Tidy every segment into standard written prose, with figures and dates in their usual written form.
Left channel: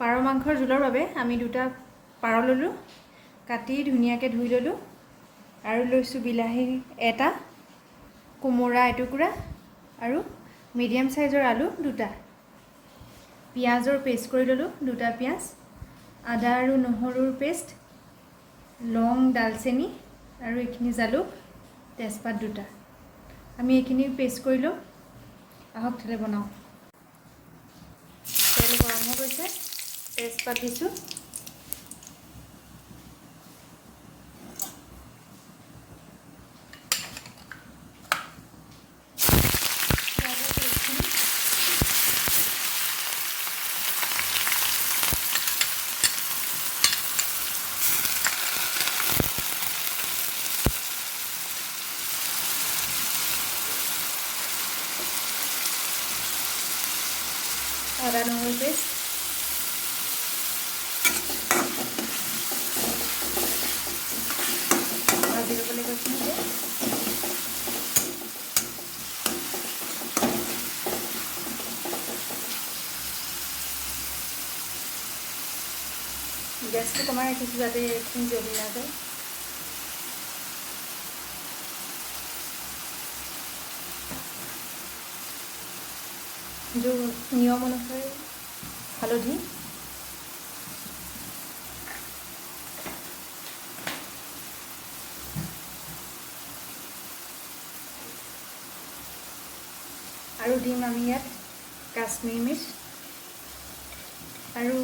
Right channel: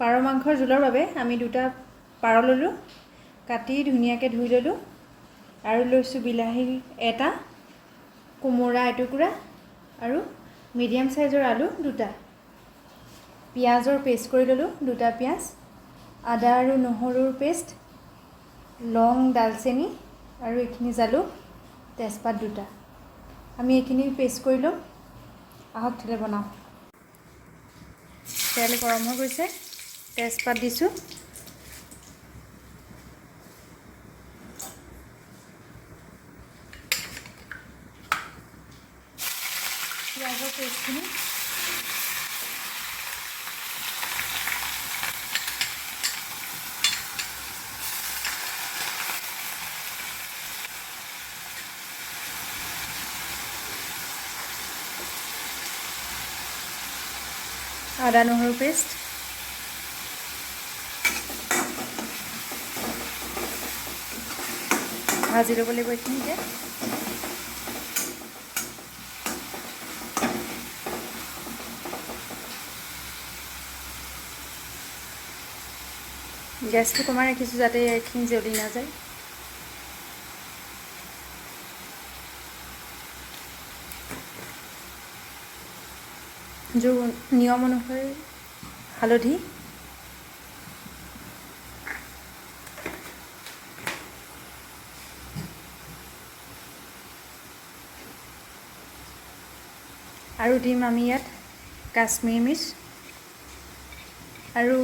পাৰ মাংসৰ জোলৰ বাবে আমি দুটা পাৰ ল'লোঁ, কাটি ধুনীয়াকৈ ধুই ল'লোঁ আৰু লৈছোঁ বিলাহী এটা, কোমোৰা এটুকুৰা আৰু মিডিয়াম সাইজৰ আলু দুটা। পিঁয়াজৰ পেষ্ট কৰি ল'লোঁ, দুটা পিঁয়াজ, আদা আৰু নহৰুৰ পেষ্ট, লং, ডালচেনি আৰু এইখিনি জালুক, তেজপাত দুটা। আমি এইখিনি পেষ্ট কৰি ল'ম। আহক তেলে বনাওঁ। তেল গৰম হৈ গৈছে, তেজপাত দিছোঁ, পিঁয়াজৰ পেষ্টখিনি, আদা নহৰু পেষ্ট, ভাজি ল'বলৈ গৈছোঁ যে গেছটো কমাই ৰাখিছোঁ যাতে এইখিনি জ্বলি নাযায়। নিয়ম অনুসৰি হালধি, আৰু দিম আমি ইয়াত কাশ্মীৰী মিৰ্চ আৰু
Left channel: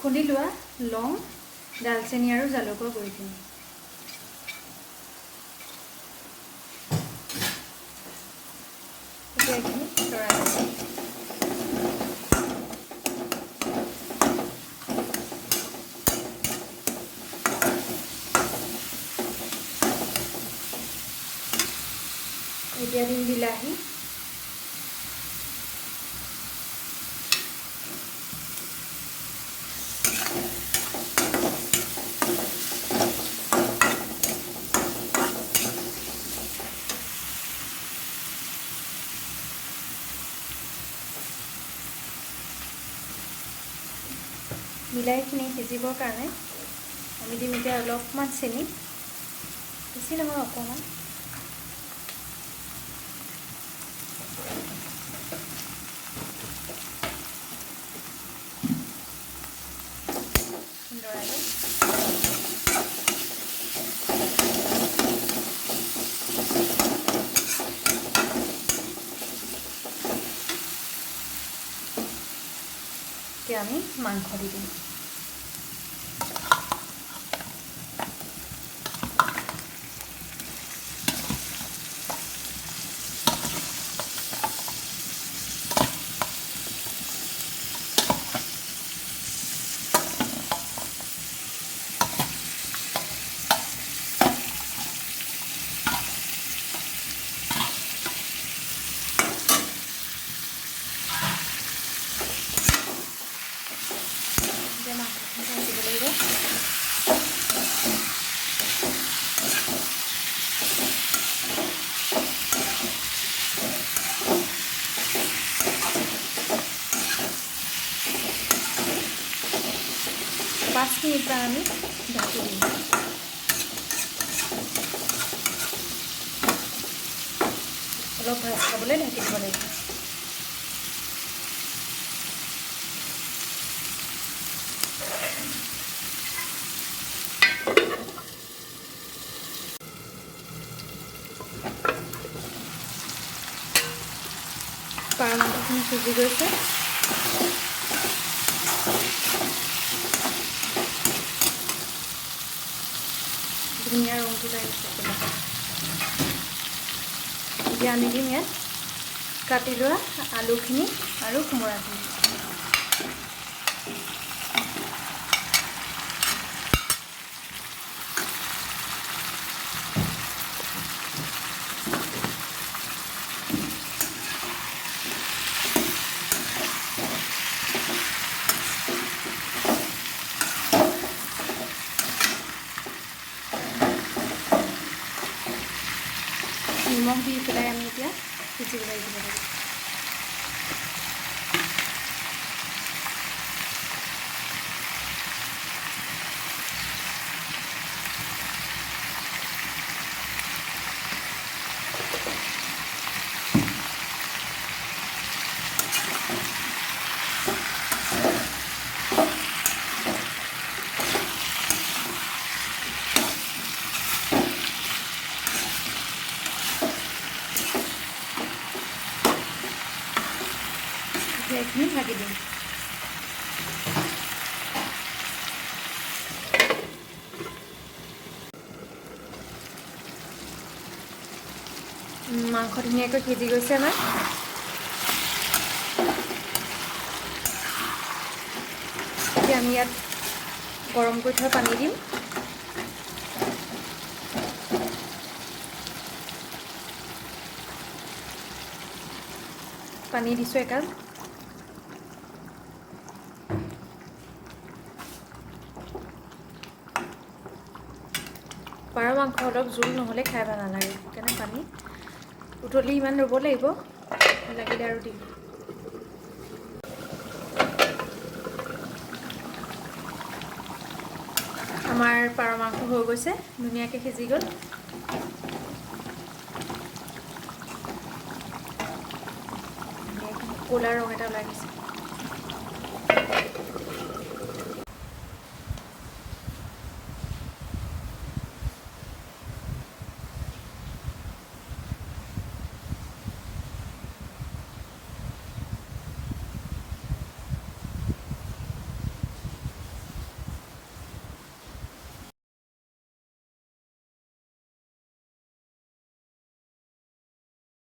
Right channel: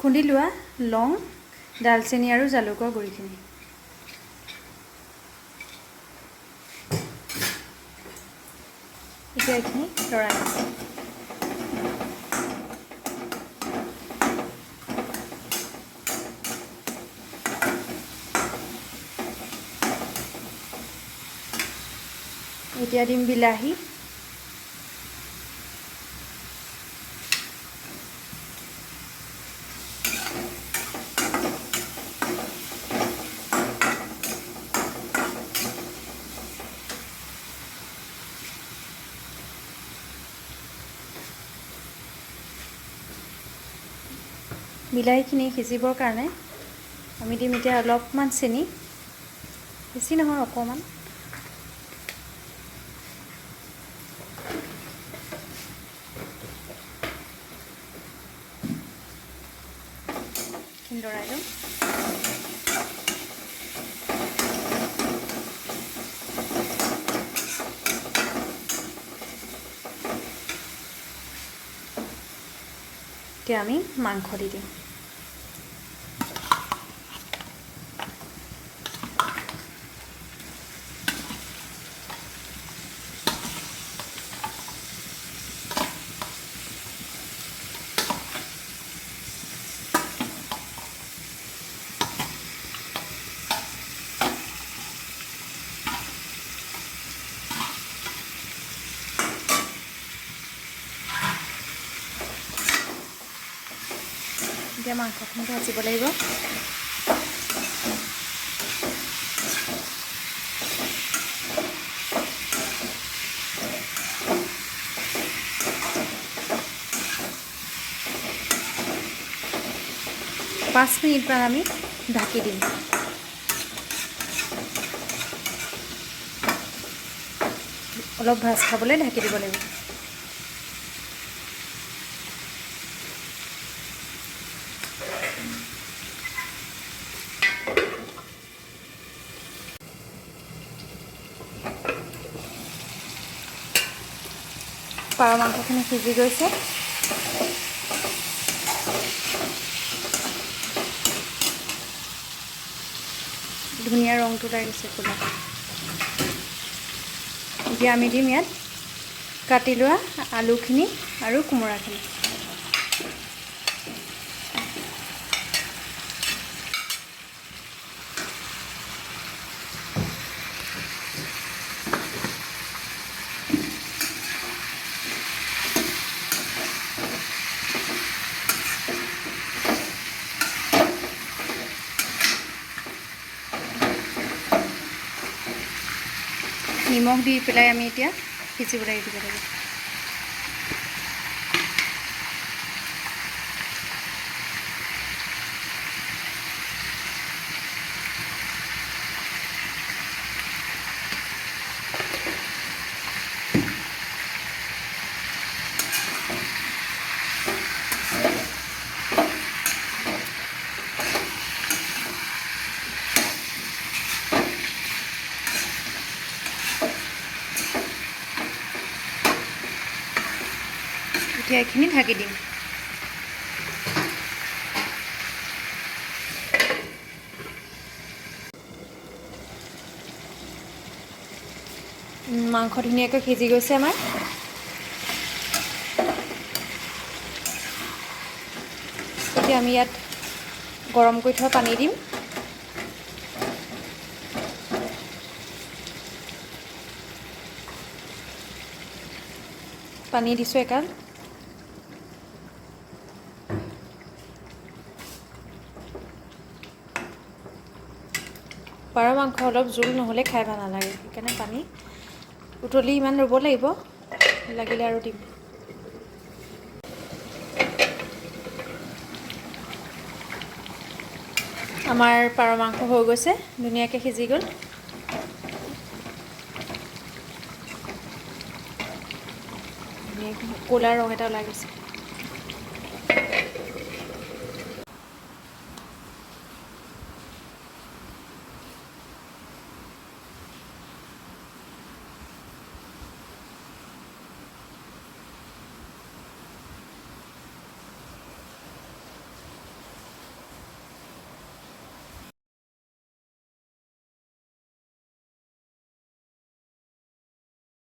খুন্দি লোৱা লং, ডালচেনি আৰু জালুকৰ গুড়িখিনি। এতিয়া এইখিনি লৰাই আছোঁ। এতিয়া দিম বিলাহী, বিলাহীখিনি সিজিবৰ কাৰণে আমি দিম এতিয়া অলপমান চেনি, বেছি নহয় অকণমান। লৰাই লৈ এতিয়া আমি মাংস দি দিম। এতিয়া মাংসখিনি ভাজিব লাগিব। পাঁচ মিনিটমান আমি ঢাকি দিম। অলপ ভাজ খাবলৈ ঢাকি দিব লাগিব। পাৰ মাংসখিনি সিজি গৈছে। ধুনীয়া ৰংটো লাগিছে চুলাত। এতিয়া আমি দিম ইয়াত কাটি লোৱা আলুখিনি আৰু কোমোৰাখিনি। নিমখ দি পেলাই আমি এতিয়া সিজিবলৈ দিব লাগিব। এইখিনি ঢাকি দিম। মাংস ধুনীয়াকৈ সিজি গৈছে আমাৰ। এতিয়া আমি ইয়াত গৰম কৰি থোৱা পানী দিম। পানী দিছোঁ একাপ। পাৰ মাংস অলপ জোল নহ'লে খাই ভাল নালাগে, সেইকাৰণে পানী উতলি ইমান ৰ'ব লাগিব, লাগিলে আৰু দিম। আমাৰ পাৰ মাংস হৈ গৈছে, ধুনীয়াকৈ সিজি গ'ল। ক'লা ৰং এটা ওলাই গৈছে।